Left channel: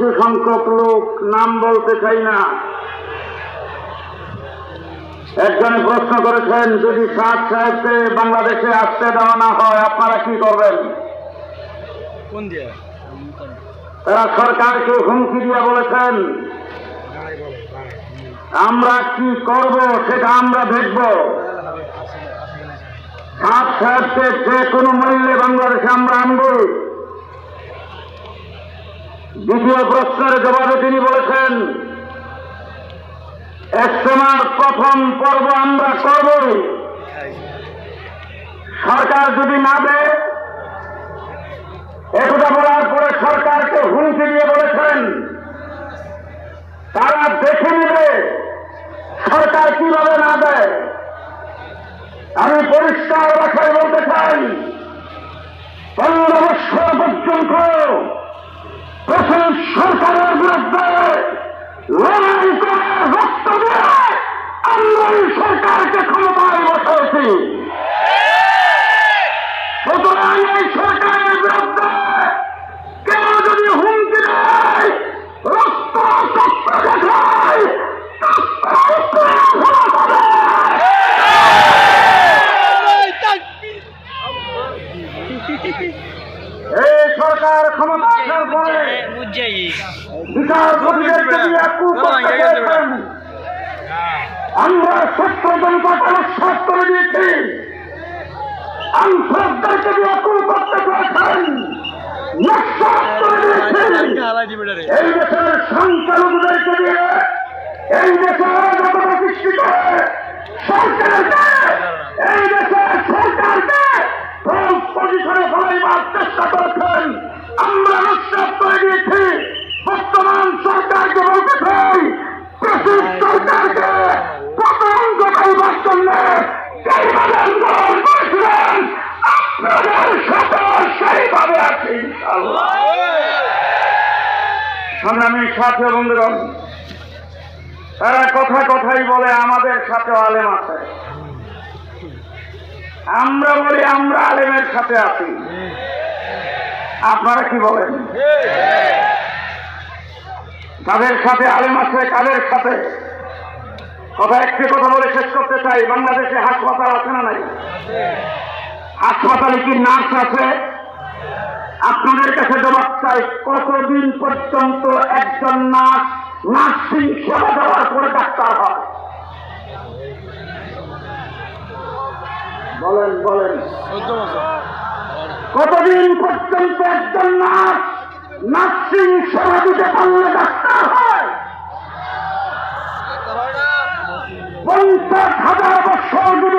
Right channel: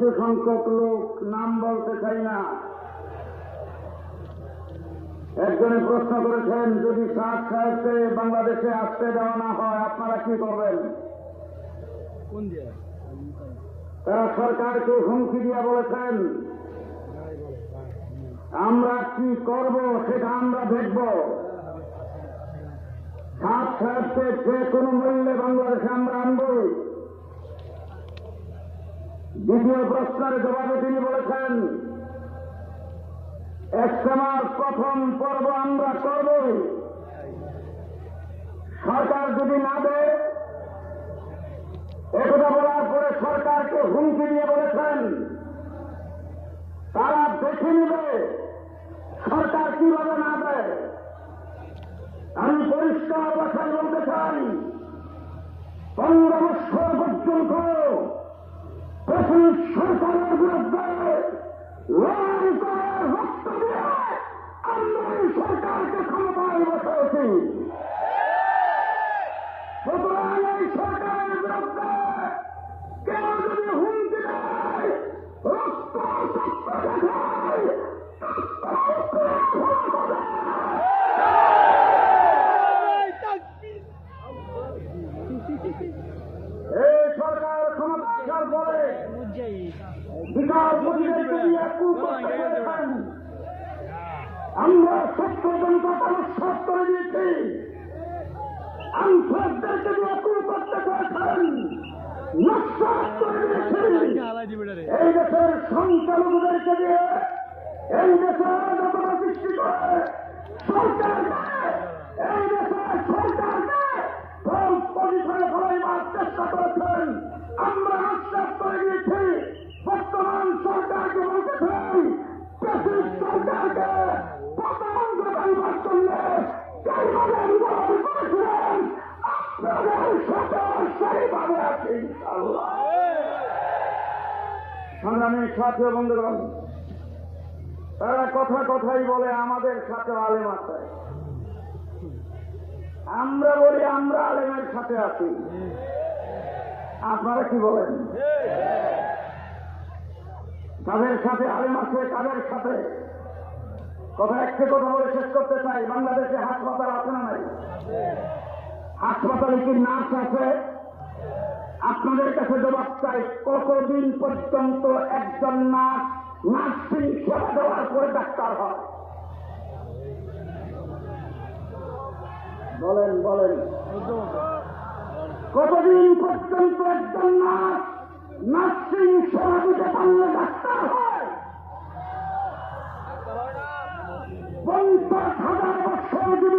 কিছু সংখ্যক লোক, নাম বলতে চাই না, একজন প্রশ্ন করেছেন, যদি সাদ সাহেবকে বাংলাদেশে আসতে দেওয়া না হয় আপনারা কি করবেন? তারা সরকারকে হুমকি দিয়ে বলেছেন, আমরা কি করব সেটা আমরা দেখব। সাদ সাহেবকে যে কোনো মূল্যে বাংলাদেশে আমরা আনব। দ্বিতীয় প্রশ্নের জবাবে তিনি বলেছেন, ইজতেমার প্রথম পর্ব আমরা করব, সরকার যদি না দেয়। একথা বলার পরে সরকারকে হুমকি দিয়ে বলেছেন তারা দেখে নেবে সরকার কিভাবে না দেয়। আমি পরিষ্কার ভাষায় বলতে চাই, 15 বছর পর্যন্ত প্রথম সরকারের বিরুদ্ধে লড়াই করে রক্ত দিয়ে আমরা এই সরকারকে ক্ষমতায় বসাইছি। সুতরাং এই সরকারের বিরুদ্ধে কেউ যদি হুমকি দেয়, রক্ত সত্য দেখায়, এই সরকার ক্ষমতা আসার পরে বিচারপতিদেরকে দিয়ে কূপ করতে চেয়েছেন। আমরা সত্য জনতাকে উৎসাহ করে দিয়েছি, আনসারদেরকে দিয়ে কূপ করতে চেয়েছেন, নস্বাত করে দিয়েছেন। এই দেশের সংখ্যালঘুদেরকে দিয়ে এই দেশের অরাজকতা সৃষ্টি করে সরকারকে, এই দেশের সরকারকে পজিশনে ফলাইবার চেষ্টা করেছেন। আমরা নস্বাত করে দিয়েছি। বর্তমান সরকারকে বলতে চাই, প্রেসিড সরকারকে পতন ঘটাইবার জন্য যেইভাবে আন্দোলন করেছিলেন আপনাদের সাথে সেইভাবে আছি ইনশাআল্লাহ। সংগ্রামী সাথী বন্ধুগণ, তারা কথাই বলে আমাদের সাথে আলেম আছে। আমরা বলি আমরা আলেমের সাথে আছি। আপনারা কি বলেন? কাদের সাথে আলেম আছে, কাদের সাথে? একটি কথা বলে শেষ করতে চাই। বাংলাদেশে হাসপাতাল আছে না নাই? হাসপাতালে কি নার্স আছে? আপনাদের কাছে জবাব চাই, কতদিন পর্যন্ত একজন নার্স নার্সিং সেবা দেওয়ার পরে ডাক্তার হয়? বলেন কতদিন পর্যন্ত একজন নার্স নার্সিং সেবা দিতে পারলে ডাক্তার হয়? 50,000 বছর যদি